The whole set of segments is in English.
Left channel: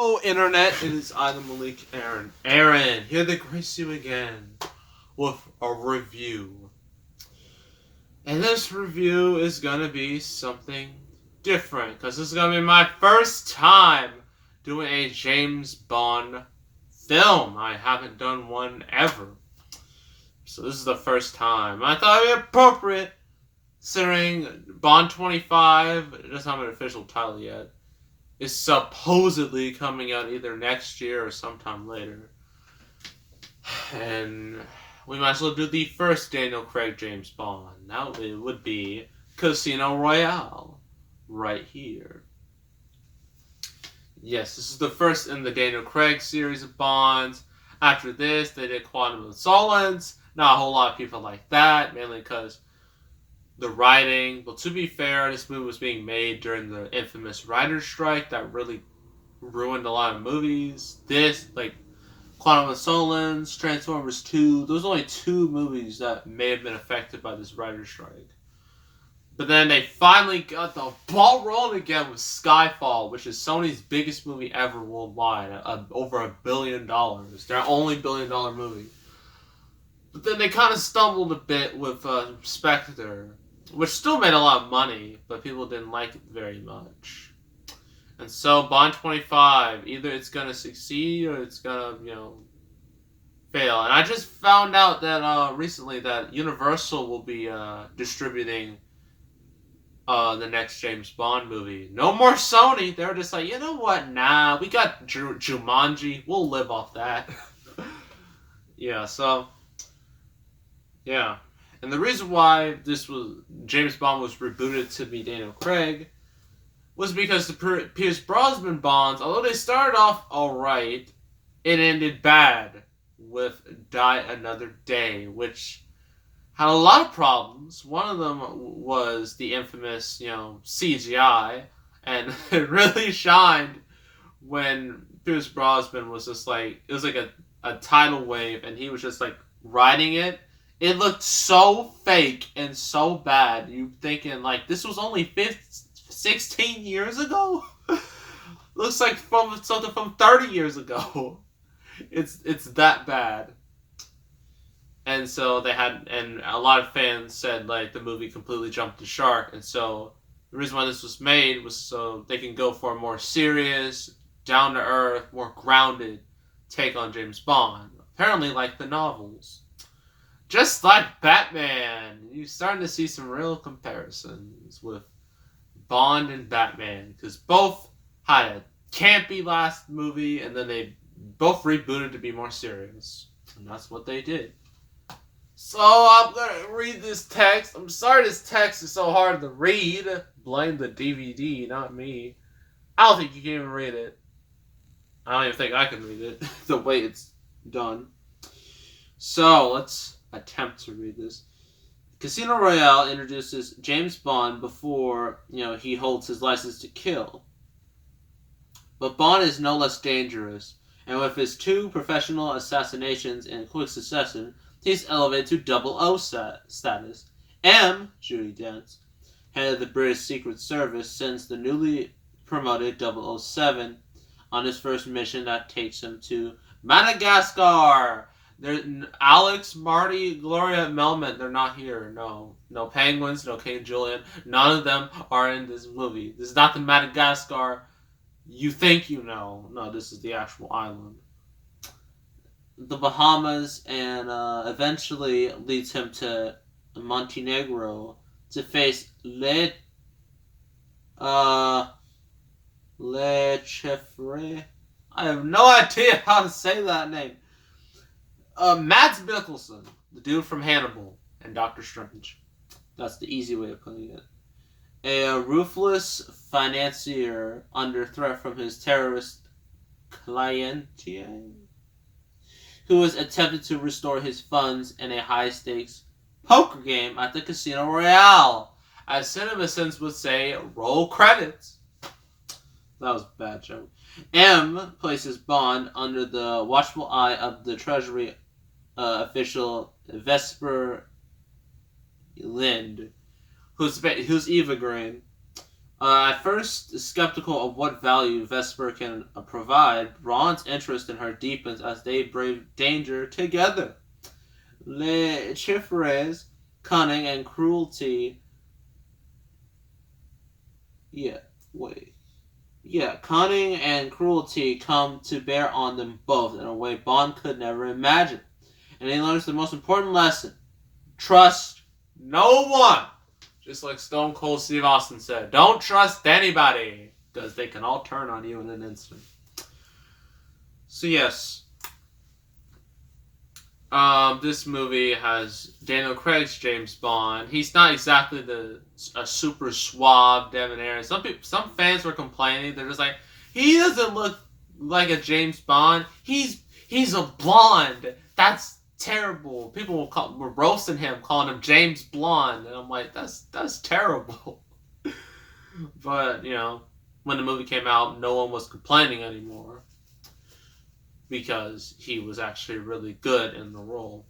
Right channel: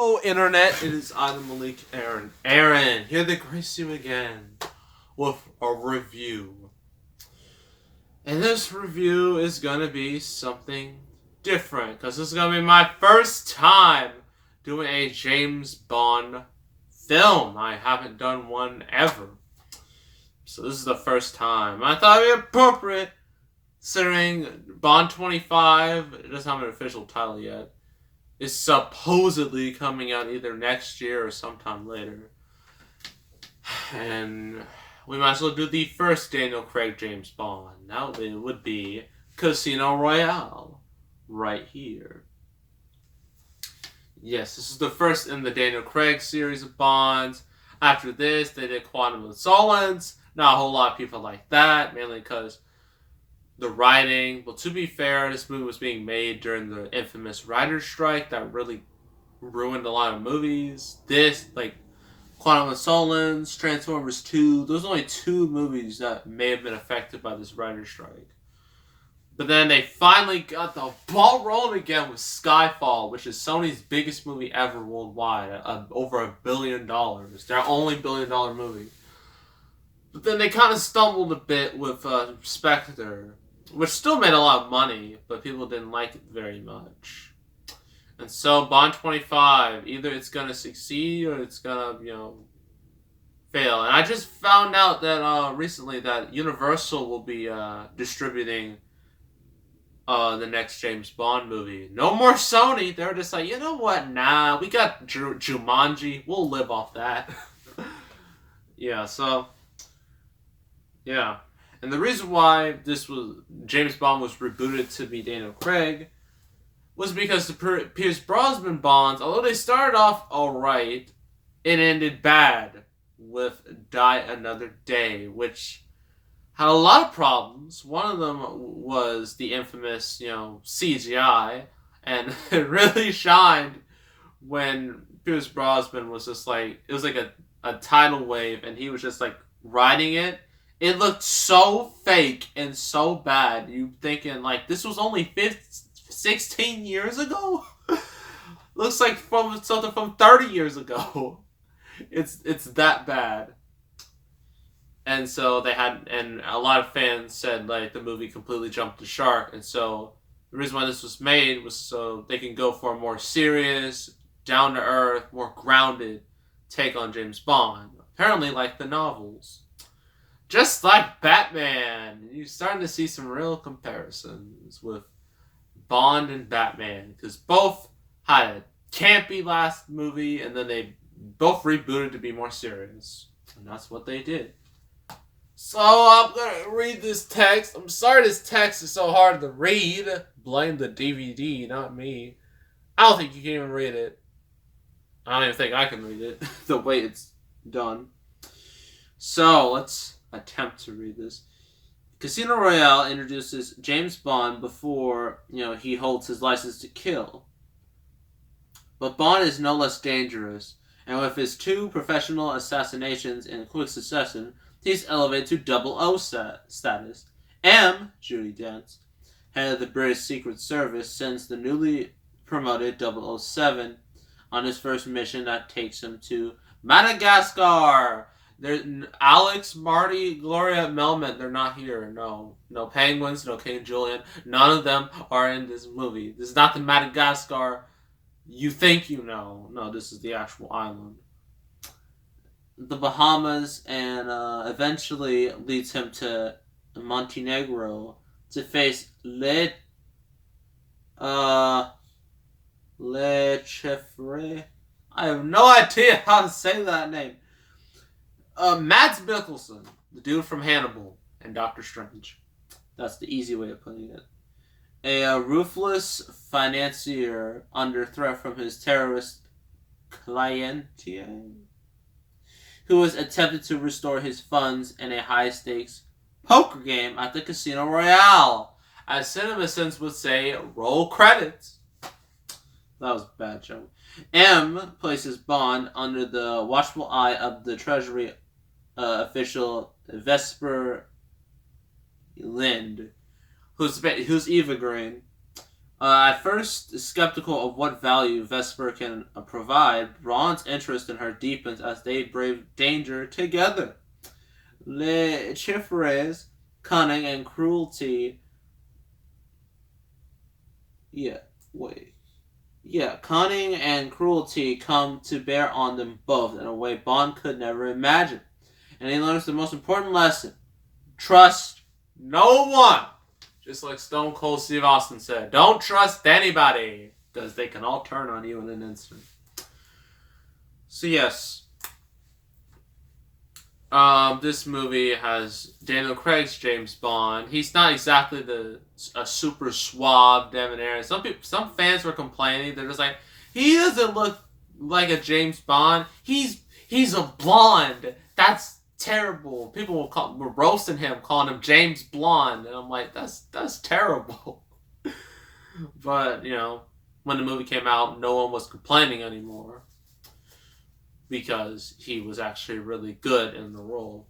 Hello, Internet. It is I, the Malik Aaron. Aaron, here to grace you again with a review. And this review is going to be something different because this is going to be my first time doing a James Bond film. I haven't done one ever. So this is the first time. I thought it would be appropriate considering Bond 25, it doesn't have an official title yet, is supposedly coming out either next year or sometime later. And we might as well do the first Daniel Craig James Bond. Now it would be Casino Royale, right here. Yes, this is the first in the Daniel Craig series of Bonds. After this, they did Quantum of Solace. Not a whole lot of people like that, mainly because the writing. Well, to be fair, this movie was being made during the infamous writer's strike that really ruined a lot of movies. This, like Quantum of Solace, Transformers 2, those are only two movies that may have been affected by this writer's strike. But then they finally got the ball rolling again with Skyfall, which is Sony's biggest movie ever worldwide, over $1 billion. Their only $1 billion movie. But then they kind of stumbled a bit with Spectre, which still made a lot of money, but people didn't like it very much. And so Bond 25, either it's going to succeed or it's going to, fail. And I just found out that recently that Universal will be distributing the next James Bond movie. No more Sony. They were just like, you know what? Nah, we got Jumanji. We'll live off that. Yeah, so... yeah. And the reason why James Bond was rebooted to be Daniel Craig was because the Pierce Brosnan Bonds, although they started off alright, it ended bad with Die Another Day, which had a lot of problems. One of them was the infamous, CGI, and it really shined when Pierce Brosnan was just like, it was like a tidal wave, and he was just like riding it. It looked so fake and so bad. You thinking like this was only 16 years ago? Looks like from something from 30 years ago. It's that bad. And so and a lot of fans said like the movie completely jumped the shark. And so the reason why this was made was so they can go for a more serious, down to earth, more grounded take on James Bond. Apparently like the novels. Just like Batman, you're starting to see some real comparisons with Bond and Batman, because both had a campy last movie, and then they both rebooted to be more serious, and that's what they did. So I'm gonna read this text. I'm sorry this text is so hard to read. Blame the DVD, not me. I don't think you can even read it. I don't even think I can read it the way it's done. So let's attempt to read this. Casino Royale introduces James Bond before, he holds his license to kill. But Bond is no less dangerous, and with his 2 professional assassinations in quick succession, he's elevated to 00 status. M. Judi Dench, head of the British Secret Service, sends the newly promoted 007 on his first mission that takes him to Madagascar. Alex, Marty, Gloria, Melman, they're not here. No Penguins, no King Julian. None of them are in this movie. This is not the Madagascar you think you know. No, this is the actual island. The Bahamas, and eventually leads him to Montenegro to face Le Cheffre. I have no idea how to say that name. Mads Mikkelsen, the dude from Hannibal and Doctor Strange. That's the easy way of putting it. A ruthless financier under threat from his terrorist cliente, who has attempted to restore his funds in a high-stakes poker game at the Casino Royale. As CinemaSins would say, roll credits. That was a bad joke. M places Bond under the watchful eye of the Treasury official Vesper Lind, who's Eva Green, At first skeptical of what value Vesper can provide, Bond's interest in her deepens as they brave danger together. Le Chiffre's cunning and cruelty. Yeah, wait. Yeah, cunning and cruelty come to bear on them both in a way Bond could never imagine. And he learns the most important lesson: trust no one. Just like Stone Cold Steve Austin said, don't trust anybody, because they can all turn on you in an instant. So yes, this movie has Daniel Craig's James Bond. He's not exactly a super suave debonair. Some fans were complaining. They're just like, he doesn't look like a James Bond. He's a blonde. That's terrible. People were roasting him, calling him James Blonde, and I'm like, that's terrible. But when the movie came out, no one was complaining anymore because he was actually really good in the role.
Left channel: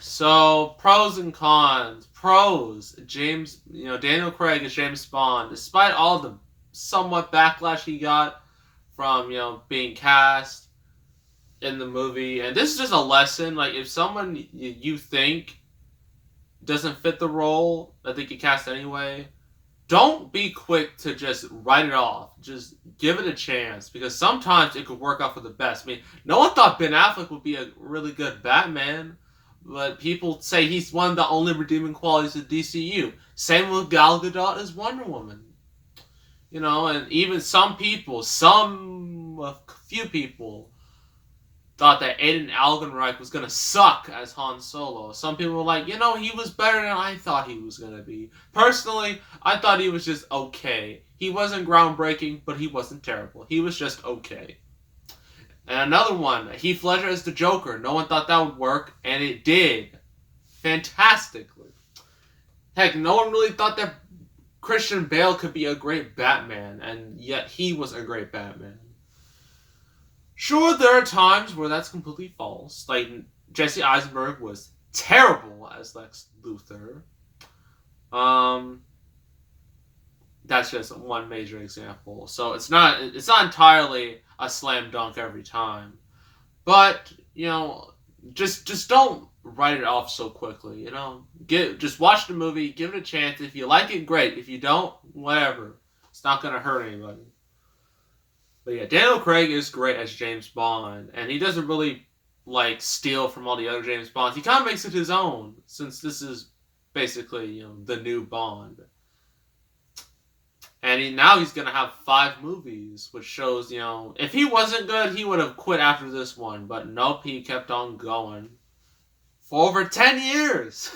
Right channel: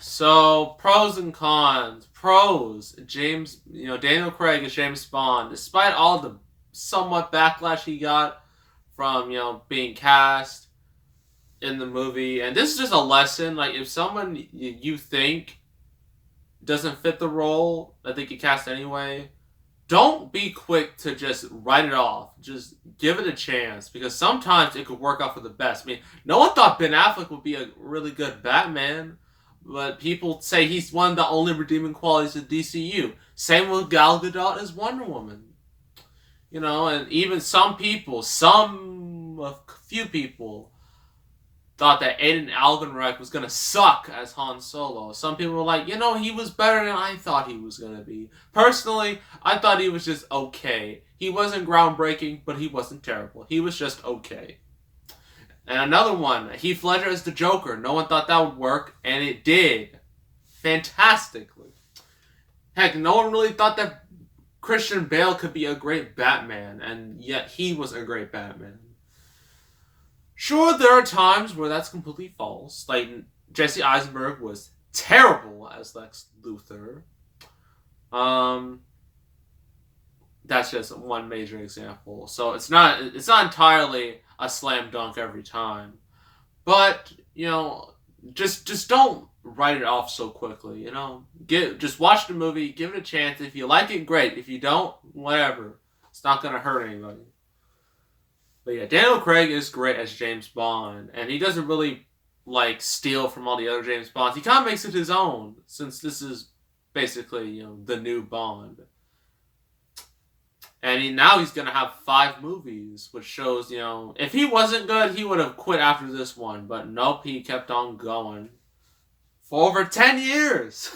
So pros and cons. Pros: Daniel Craig is James Bond, despite all the somewhat backlash he got from being cast in the movie. And this is just a lesson. Like, if someone you think doesn't fit the role that they could cast anyway, don't be quick to just write it off. Just give it a chance, because sometimes it could work out for the best. I mean, no one thought Ben Affleck would be a really good Batman, but people say he's one of the only redeeming qualities of DCU. Same with Gal Gadot as Wonder Woman. And even a few people thought that Aiden Algenreich was going to suck as Han Solo. Some people were like, he was better than I thought he was going to be. Personally, I thought he was just okay. He wasn't groundbreaking, but he wasn't terrible. He was just okay. And another one, Heath Ledger as the Joker. No one thought that would work, and it did. Fantastically. Heck, no one really thought that Christian Bale could be a great Batman, and yet he was a great Batman. Sure, there are times where that's completely false. Like, Jesse Eisenberg was terrible as Lex Luthor. That's just one major example. So it's not entirely a slam dunk every time. But, just don't write it off so quickly, Just watch the movie, give it a chance. If you like it, great. If you don't, whatever. It's not going to hurt anybody. But yeah, Daniel Craig is great as James Bond, and he doesn't really steal from all the other James Bonds. He kind of makes it his own, since this is basically the new Bond. And now he's gonna have 5 movies, which shows if he wasn't good, he would have quit after this one. But nope, he kept on going for over 10 years.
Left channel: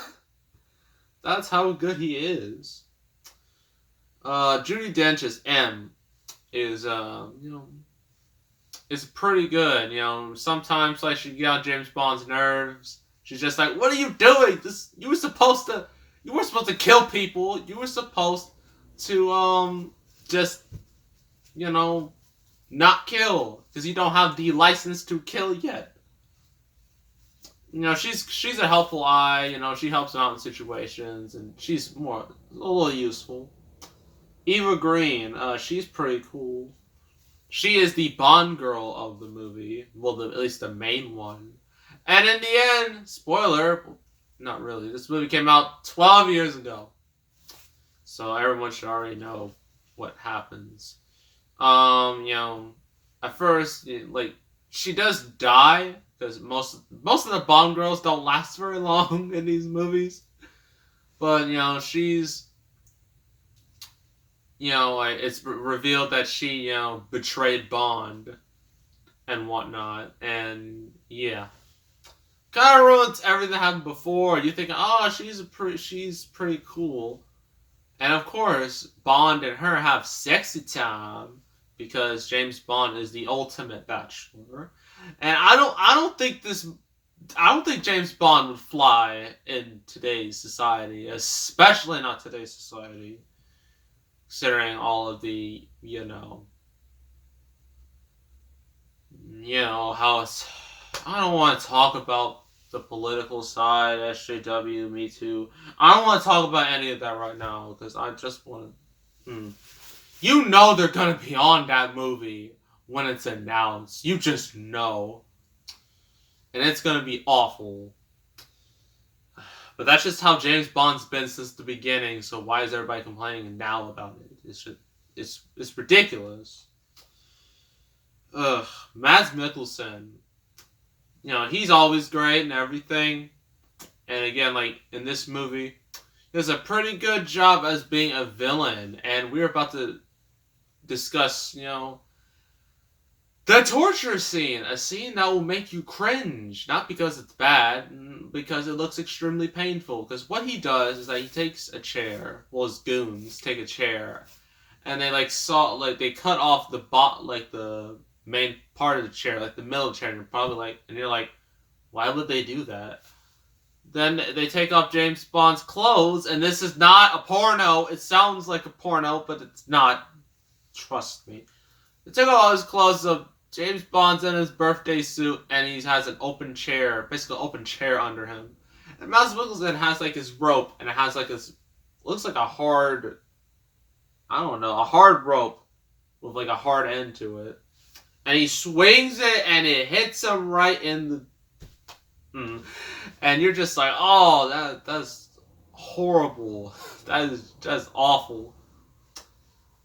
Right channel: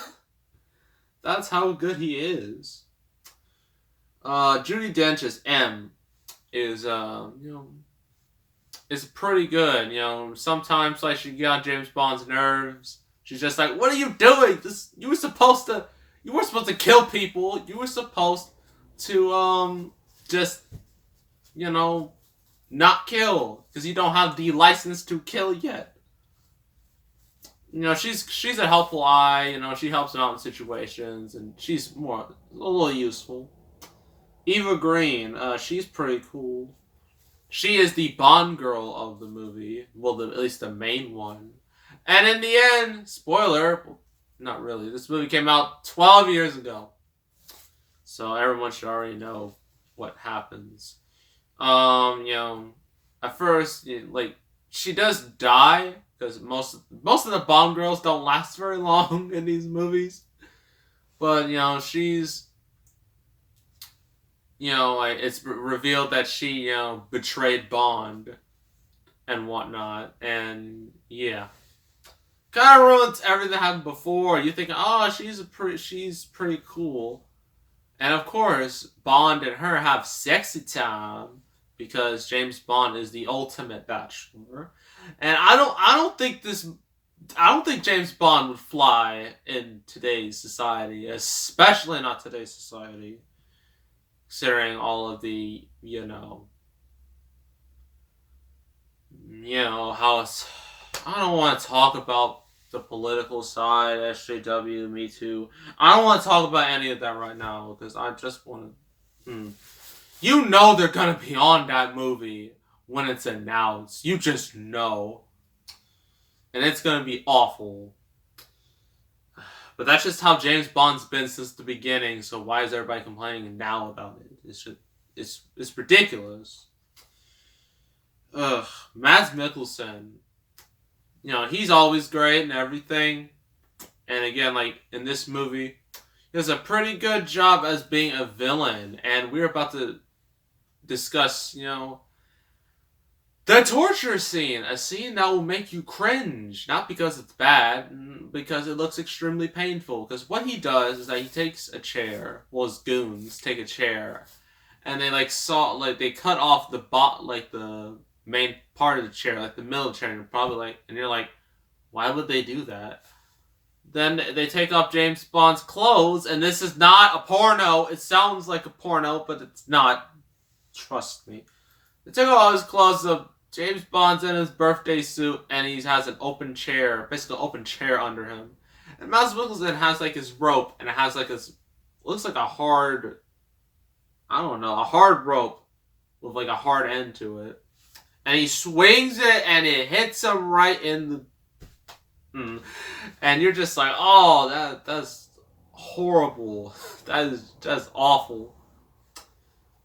That's how good he is. Judi Dench's M is is pretty good. Sometimes she get on James Bond's nerves. She's just like, "What are you doing? You were supposed to kill people. You were supposed to just not kill, because you don't have the license to kill yet." She's a helpful eye. She helps him out in situations, and she's a little useful. Eva Green, she's pretty cool. She is the Bond girl of the movie. Well, at least the main one. And in the end, spoiler, not really. This movie came out 12 years ago. So everyone should already know what happens. At first, she does die, because most of the Bond girls don't last very long in these movies. But, she's... it's revealed that she, betrayed Bond and whatnot, and yeah, kind of ruins everything that happened before. You think, oh, she's pretty cool, and of course, Bond and her have sexy time because James Bond is the ultimate bachelor, and I don't think James Bond would fly in today's society, especially not today's society. Considering all of the, how it's... I don't want to talk about the political side, SJW, Me Too. I don't want to talk about any of that right now, because I just want to Mm. You know they're gonna be on that movie when it's announced. You just know. And it's gonna be awful. But that's just how James Bond's been since the beginning, so why is everybody complaining now about it? It's ridiculous. Ugh. Mads Mikkelsen. You know, he's always great and everything. And again, like in this movie, he does a pretty good job as being a villain. And we're about to discuss, you know, the torture scene. A scene that will make you cringe. Not because it's bad, because it looks extremely painful. Because what he does is that he takes a chair, well, his goons take a chair, and they they cut off the main part of the chair, like the middle of the chair, and you're like, why would they do that? Then they take off James Bond's clothes, and this is not a porno. It sounds like a porno, but it's not. Trust me. They took all his clothes, so James Bond's in his birthday suit, and he has an open chair, basically an open chair under him. And Mads Mikkelsen has like his rope, and it has like this, looks like a hard rope with like a hard end to it. And he swings it, and it hits him right in the. And you're just like, oh, that's horrible. That's awful.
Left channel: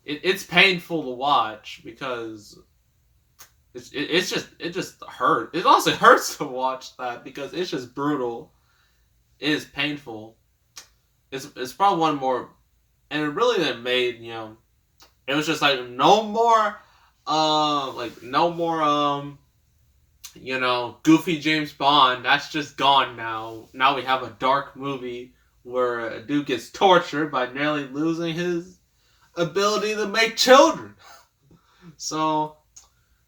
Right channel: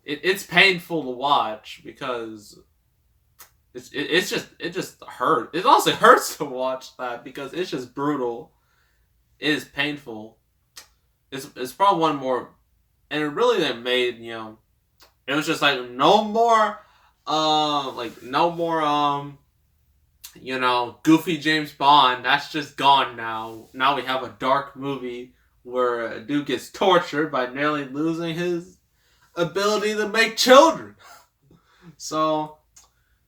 It's painful to watch because it just hurts. It honestly hurts to watch that because it's just brutal. It is painful. It's probably one more, and it really made, you know, it was just like no more you know, goofy James Bond. That's just gone now. Now we have a dark movie where a dude gets tortured by nearly losing his ability to make children. So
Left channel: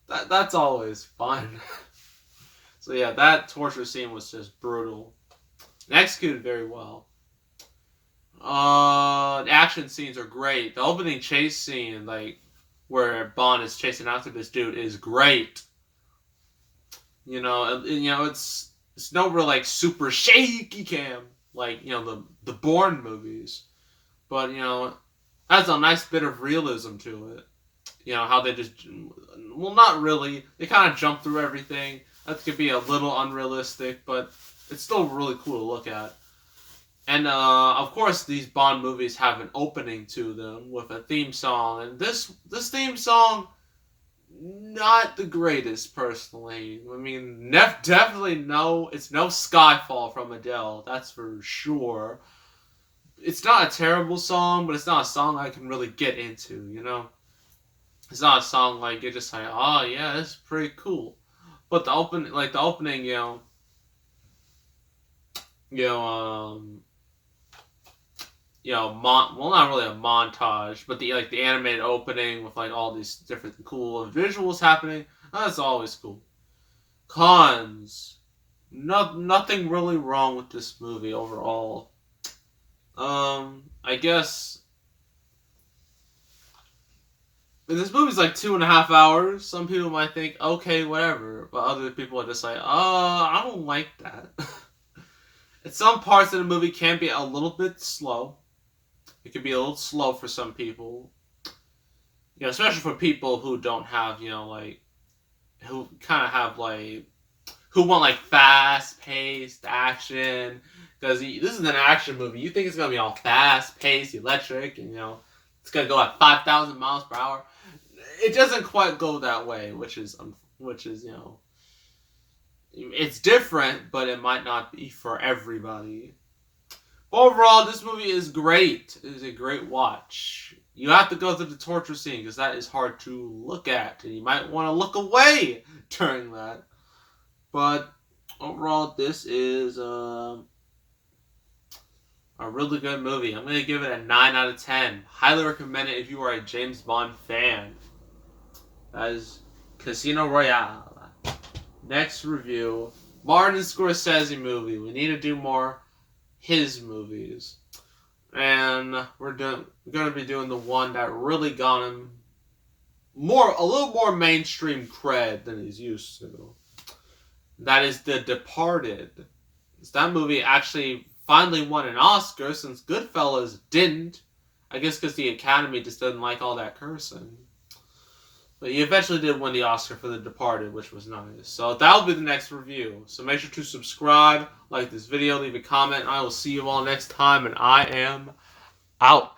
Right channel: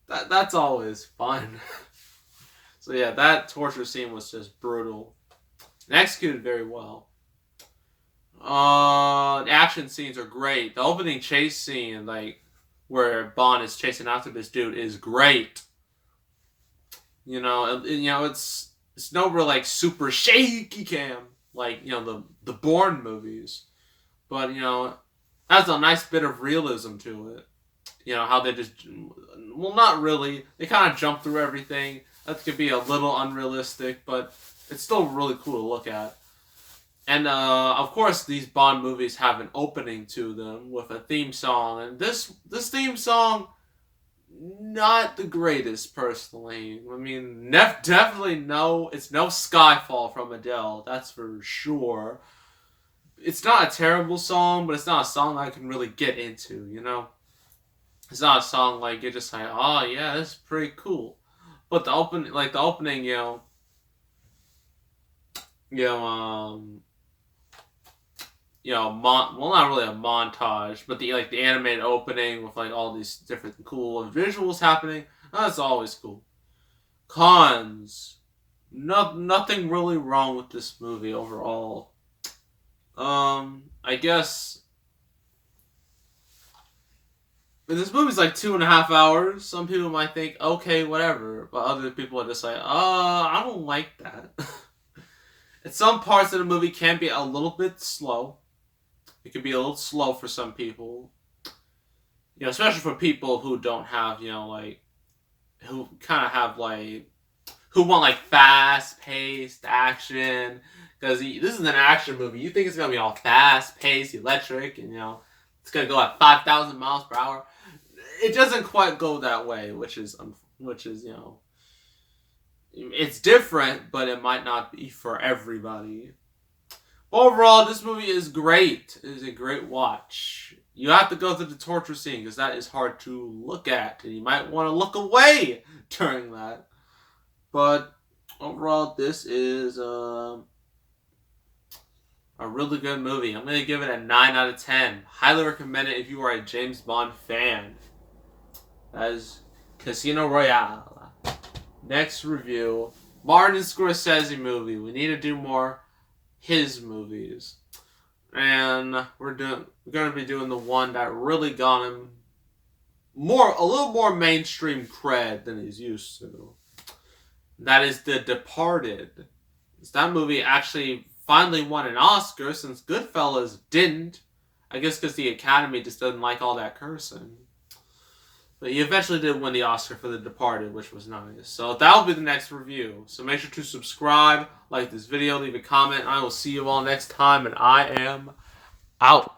that's always fun. So yeah, that torture scene was just brutal and executed very well. The action scenes are great. The opening chase scene, like where Bond is chasing after this dude, is great. You know, it's no real like super shaky cam like, you know, the Bourne movies, but you know, has a nice bit of realism to it. You know how they just, well, not really. They kind of jump through everything. That could be a little unrealistic, but it's still really cool to look at. And of course, these Bond movies have an opening to them with a theme song, and this theme song, not the greatest personally. I mean, definitely it's no Skyfall from Adele, that's for sure. It's not a terrible song, but it's not a song I can really get into, you know? It's not a song like you're just like, oh yeah, that's pretty cool. But the opening, well, not really a montage, but the animated opening with like all these different cool visuals happening. That's always cool. Cons, nothing really wrong with this movie overall. I guess this movie's like 2.5 hours. Some people might think, okay, whatever, but other people are just like, I don't like that. And some parts of the movie can be a little bit slow. It can be a little slow for some people. You know, especially for people who don't have, you know, like, who kind of have, like, who want, like, fast-paced action. Because this is an action movie. You think it's going to be all fast-paced, electric, and, you know, it's going to go at 5,000 miles per hour. It doesn't quite go that way, which is, you know, it's different, but it might not be for everybody. Overall, this movie is great. It is a great watch. You have to go through the torture scene because that is hard to look at, and you might want to look away during that. But overall, this is a really good movie. I'm going to give it a 9 out of 10. Highly recommend it if you are a James Bond fan. That is Casino Royale. Next review, Martin Scorsese movie. We need to do more his movies, and we're going to be doing the one that really got him a little more mainstream cred than he's used to. That is The Departed. That movie actually finally won an Oscar since Goodfellas didn't, I guess because the Academy just doesn't like all that cursing. But he eventually did win the Oscar for The Departed, which was nice. So that'll be the next review. So make sure to subscribe, like this video, leave a comment, and I will see you all next time. And I am out.